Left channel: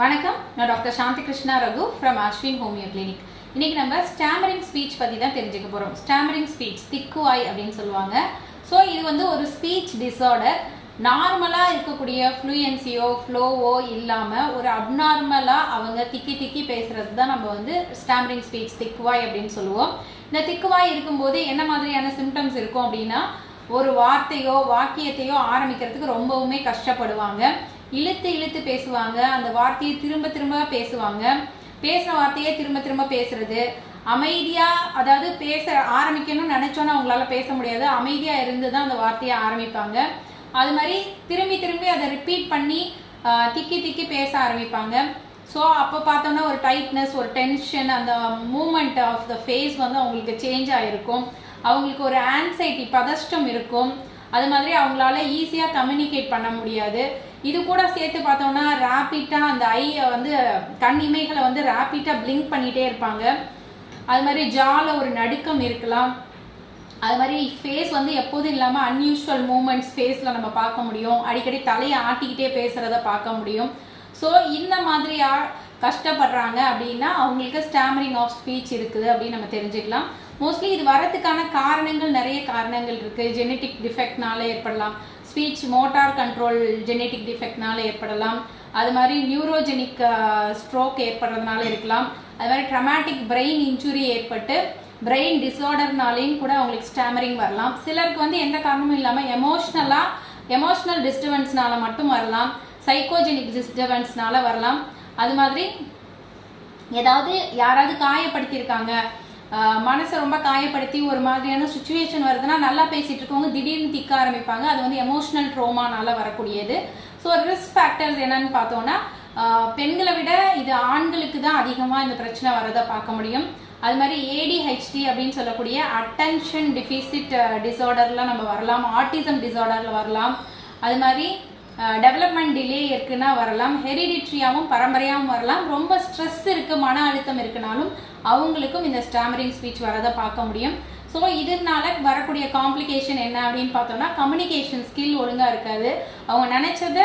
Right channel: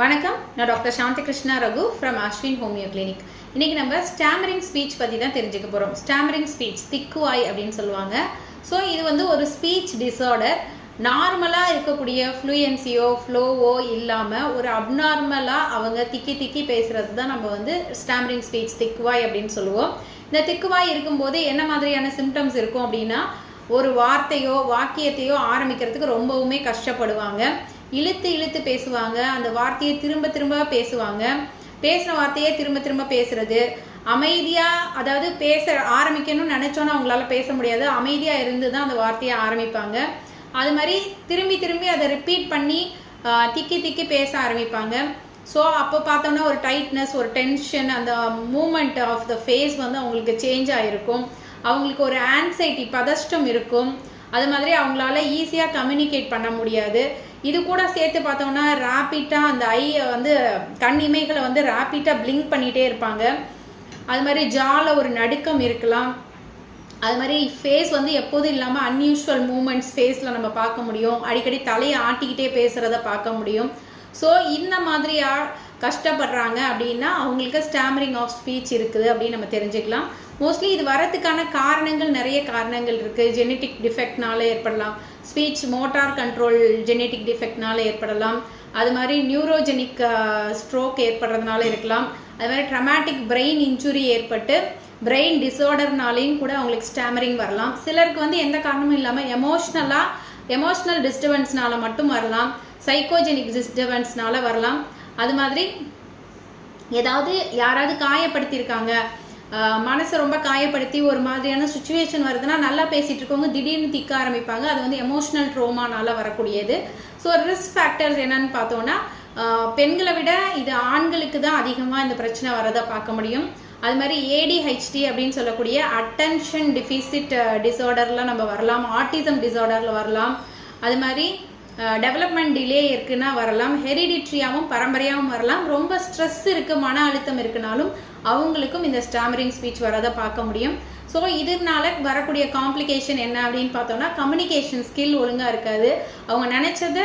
வணக்கம். நான் doctor Shanthi Krishna Raghu from Ashwin homeo clinic இன்னைக்கு நம்ம ஸ்டாமரிங் ஸ்பீச் பற்றி தான் தெரிஞ்சுக்க போகிறோம் ஸ்டாமரிங் ஸ்பீச் திக்குவாய் அப்படின்னு சொல்லுவாங்க. ஸோ இது வந்து ஒரு ஸ்பீச் டிஸார்டர் நார்மலாக இருக்கக்கூடிய ஃப்ளூயன்சியோ ஃப்ளோவோ இல்லாமல் ஒரு அப்நார்மலாக அவங்க திக்கி திக்கி பேசுறது தான் நம்ம வந்து ஸ்டாமரிங் ஸ்பீச் திக்குவாய் அப்படின்னு சொல்லுவோம். இந்த திக்குவாய் இருக்கும்போது என்ன மாதிரியான சிம்டம்ஸ் இருக்கும் அப்படின்னா ஒரு வார்த்தையோ வாக்கியத்தையோ ஆரம்பிக்கிறதுக்கு ரொம்பவுமே கஷ்டப்படுவாங்க. இழுத்து இழுத்து பேசுவாங்க. அந்த வார்த்தையை திரும்ப திரும்ப பேசுவாங்க. பேசுன வார்த்தையே திரும்ப திரும்ப பேசுறது. அமைதியா அதாவது பேச ஆரம்பிக்கணும்னு நினைச்சோன்னா அவங்களால பேச முடியாது. அமைதியா இருந்து தான் அந்த வார்த்தையை ஆரம்பிப்பாங்க. அது மாதிரி திரும்பி திரும்பி அதை ரிப்பீட் பண்ணி திக்கி திக்கி பேச ஆரம்பிப்பாங்க. ஸோ அப்போ பார்த்தோன்னா ஒரு டைட்னஸ் ஒரு டென்ஷன் அந்த மூமெண்ட் ஆஃப் த ஃபேஸ் வந்து அவங்களுக்கு சேஞ்ச் ஆகிருக்கும் அவங்களுக்கு ஒரு ஆன்சைட்டி பதஷ்டம் இருக்கும். அது மாதிரி அவங்களால ஈஸியாக கம்யூனிகேட் பண்ண முடியாது. இது கூட சேர்த்து பார்த்தோம்னா ரேப்பிட்டாக அந்த ஐ வந்து கண் இமைகளை வந்து ரேப்பிட்டாக பிளிங்க் பண்ணிகிட்டே இருப்பாங்க. அது மாதிரி ஜாவில் ஒரு நடுக்கம் இருக்கலாம். அது மாதிரி ஃபேஸ் வந்து எப்போதும் இல்லாமல் அன்யூஷுவல் மூமெண்ட்ஸ் ஃபேஸில் நம்ம பார்க்க முடியும். அடிக்கடி தலையை ஆட்டிக்கிட்டே பேசுகிறத பார்க்க முடியும். ஸோ இந்த மாதிரியா கஷ்டப்படுறாங்க அப்படின்னா அவங்களுக்கு ஸ்டாமரிங் ஆஃப் ஸ்பீச் இருக்குது அப்படின்னு நம்ம தெரிஞ்சுக்கலாம். மோஸ்ட்லி இது வரதுக்கான காரணங்கள் நிறைய காரணங்கள் இருக்குது ஜெனட்டிக் டிஃபெக்ட்னால ஏற்படலாம். ஸ்பீச் மோட்டார் கண்ட்ரோல் ஜெனட்டிக் டிஃபெக்ட்னால ஏற்படலாம். அது மாதிரி நியூரோஜெனிக் ஸ்ட்ரோக் ஏற்படுறதுனால இருக்கலாம். அது மாதிரி ட்ரமாட்டிக் பிரெயின் இன்ஜுரி ஏற்பட்டு பிரெயின் டிஸார்டர்னாலையும் கூட அவங்களுக்கு ஸ்டாமரிங் வரலாம். சிலருக்கு வந்து எந்த காரணமும் இல்லாமல் எமோஷ்னலாக எமோஷ்னல் டிஸ்டர்பன்ஸ்னால மட்டும் வரலாம். சைக்கோஜெனிக் டிஸ்டர்பன்ஸ்னால வரலாம். அது மாதிரி ஏதாவது யாராவது காயப்படுத்தியிருக்காங்க. மனசை ரொம்ப காயப்படுத்தி ஒரு மாதிரியான சுச்சுவேஷன் வருதுன்னா நல்லா பேசிட்டு இருக்கவங்க திடீர்னு திக்க ஆரம்பிப்பாங்க. அது வந்து எமோஷனல் ட்ரோமானால வரக்கூடியது. ஸோ ரிஸ்க் ஃபேக்டர்ஸ் என்னன்னு பார்த்தோம்னா பெண்களை விட இது ஆண்களுக்கு தான் அதிகமாக இந்த பிரச்சனை வரதை பார்க்க முடியும். அது மாதிரி ஏடிஹெச்டி அப்படின்னு சொல்லக்கூடிய அட்டென்ஷன் டிஃபிசிட் டிசார்டர்லாம் நம்ம வரலாம். ஆட்டிசம் டிசார்டரில் வரலாம். அது மாதிரி டெவலப்மெண்ட் டிலே இருக்குன்னா வரலாம். ஹெரிடிட்ரியாகவும் பரம்பரையாகவும் வரலாம். ரொம்ப ஸ்ட்ரெஸ் இருக்குது மன அழுத்தம் இருக்குனாலும் அவங்களுக்கும் இந்த ஸ்டாமரிங் ஸ்பீச் வரதை பார்க்க முடியும். ஸோ இதனால வரக்கூடிய காம்ப்ளிகேஷன் என்ன அப்படின்னு பார்த்தோம்னா கம்யூனிகேஷன் ஸ்கில் ஒழுங்காக இருக்காது. அவங்க நினச்சதை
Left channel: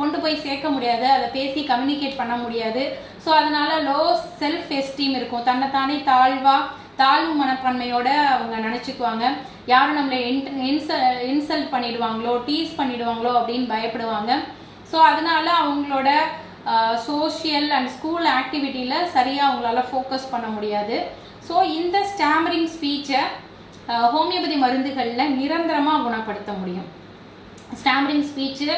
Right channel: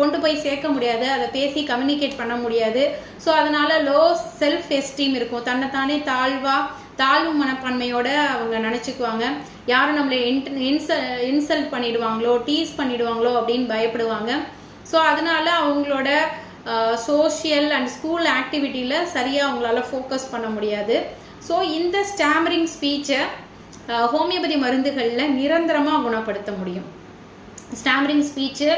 கொண்டு போய் சேர்க்க முடியாது. அதை பேசி கம்யூனிகேட் பண்ண முடியாது. ஸோ அதனால லோ செல்ஃப் எஸ்டீம் இருக்கும். தன்னைத்தானே தாழ்வாக தாழ்வு மனப்பான்மையோட அவங்க நினச்சிக்குவாங்க. யாரும் நம்மளை இன்சல் இன்சல்ட் பண்ணிடுவாங்களோ டீஸ் பண்ணிடுவாங்களோ அப்படின்னு பயப்படுவாங்க. ஸோ அதனால அவங்களோட சோஷியல் அண்ட் ஸ்கூல் ஆக்டிவிட்டியில் சரியாக அவங்களால ஃபோக்கஸ் பண்ண முடியாது. ஸோ இந்த ஸ்டாமரிங் ஸ்பீச்சை ஹோமியோபதி மருந்துகளில் நிரந்தரமாக குணப்படுத்த முடியும். ஸ்டாமரிங் ஸ்பீச்சு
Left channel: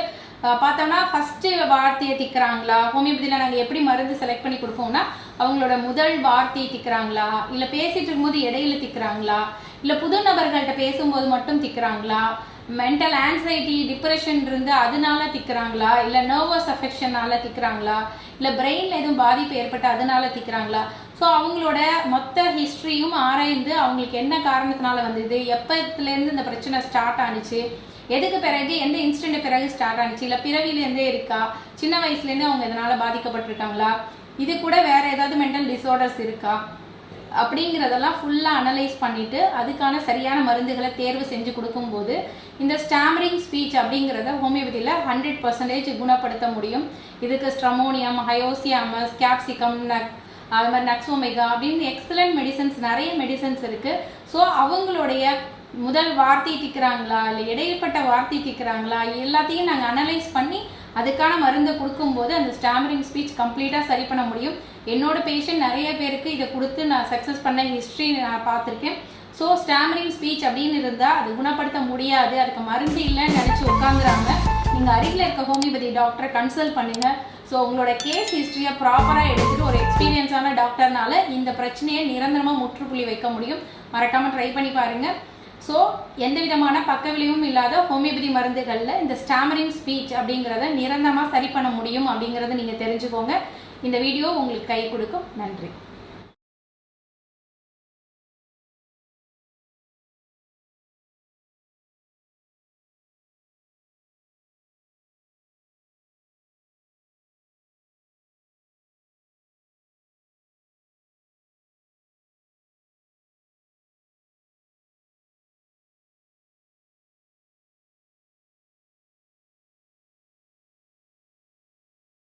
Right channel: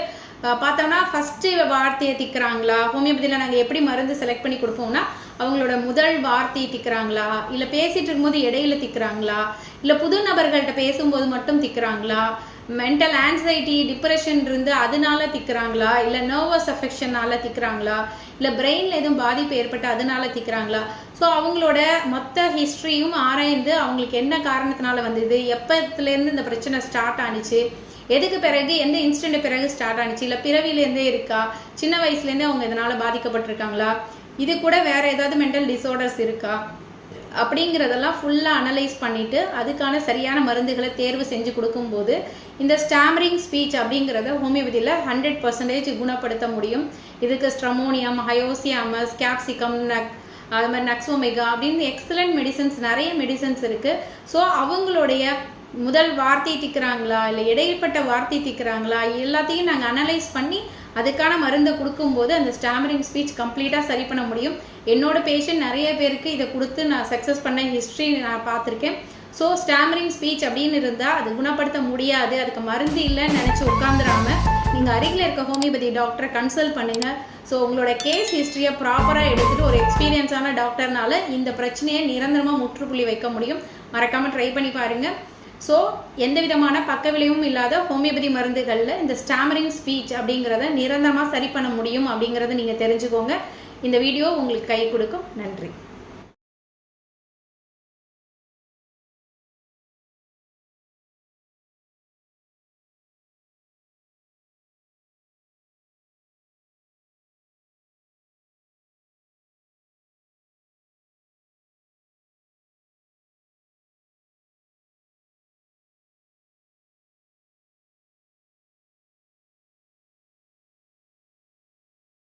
பார்த்தோம்னா ஃபஸ்ட்டு வார்த்தையை திக்கிறாங்களா? ஹோமியோபதியில் நாங்கள் எப்படி மருந்து செலக்ட் பண்ணி கொடுப்போம்னா அவங்களோட முதல் வார்த்தையை திக்கிறாங்களா? இல்லை பேசிட்டு இருக்கும்போது இடையில திக்கிறாங்களா? இல்லை புது நபர்கள்ட்ட பேசும்போது மட்டும் திக்கிறாங்களா? மென்டல் ஆன்சைட்டி டிப்ரெஷன் இருந்து அதனால திக்கிறாங்களா? இல்லை நர்வஸ் அஃபெக்ஷனால திக்கிறாங்களா? இல்லை பிரெயினில் எதுவும் பாதிப்பு ஏற்பட்டு அதனால திக்கிறாங்களா? ஸோ அவங்களோட மொத்த ஹிஸ்ட்ரியும் ஆராய்ந்து அவங்களுக்கு என்ன காரணத்தினால வந்தது? எப்பத்துலேருந்து இந்த பிரச்சனை ஸ்டார்ட் ஆனிச்சு? எதுக்கு பிறகு எந்த இன்சிடென்ட் பிறகு ஸ்டார்ட் ஆனிச்சு? இல்லை பிறவிலேருந்தே இருக்கா? சின்ன வயசுலேருந்தே அவங்க இதனால் பாதிக்கப்பட்டிருக்காங்களா? இது கூட வேற ஏதாவது மென்டல் டிஸார்டர்ஸ் இருக்கா? அப்படிங்கிறதெல்லாம் ஃபுல்லாக அனலைஸ் பண்ணிட்டு அதுக்கான சரியான மருந்துகளை தேர்வு செஞ்சு கொடுக்கும்போது இந்த ஸ்டாமரிங் ஸ்பீச் அப்படிங்கிறத ஹோமியோபதியில் ஹண்ட்ரட் பர்சன்டேஜ் குணப்படுத்த முடியும். இதுக்கு ஸ்ட்ரமோனியம் ஹயோசியாமஸ் கேப்சிகம் நக் அது மாதிரி நக்ஸோமெகா அப்படின்னு எக்ஸலண்ட் மெடிசன்ஸ் நிறைய மெடிசன்ஸ் இருக்குது ஸோ அவங்களுடைய முதல் வார்த்தை திக்கிறாங்களா இல்லை இடைப்பட்ட வார்த்தை திக்கிறாங்களா எல்லாத்தையும் நாங்கள் அனலைஸ் பண்ணி அதுக்கான மருந்தை கொடுக்கும்போது அந்த ஸ்டாமரிங் ஸ்பீச் கம்ப்ளீட்டாக சரி பண்ண முடியும். என்னோட பேஷண்ட் நிறைய பேருக்கு இதை கொடுத்து நான் சக்ஸஸ் பண்ண ஹிஸ்ட்ரி நான் பார்த்துருக்கேன். ஸோ ஸ்டாமரிங் ஸ்பீச் அப்படின்னு இருந்தால் அது குணப்படுத்த முடியாது. அதுக்கு மருந்து இல்லைன்னு நினச்சி உட்காந்துராம நீங்கள் அருகில் இருக்க ஹோமியோபதி டாக்டரை கன்சல்ட் பண்ணுங்கள் ஸோ உங்களோட கேஸ் ஹிஸ்ட்ரியை ப்ராப்பராக எடுத்துகிட்டு ஒரு எக்ஸ்பீரியன்ஸான டாக்டர்னால இந்த பிரச்சனையை நிரந்தரமாக முற்றுப்புள்ளி வைக்க முடியும். மறக்காமல் ட்ரை பண்ணி பாருங்கள் ஸோ எந்த விதமான பக்க விளைவும் இல்லாத ஹோமியோபதி மருந்துகளில் இந்த ஸ்டாமரிங் ஸ்பீச் அப்படிங்கிறத நிரந்தரமாக சரி பண்ண முடியும் அப்படிங்கிறத நீங்கள் தெரிஞ்சுக்கோங்க. இந்த வீடியோ உங்களுக்கு கை கொடுக்கும். நன்றி.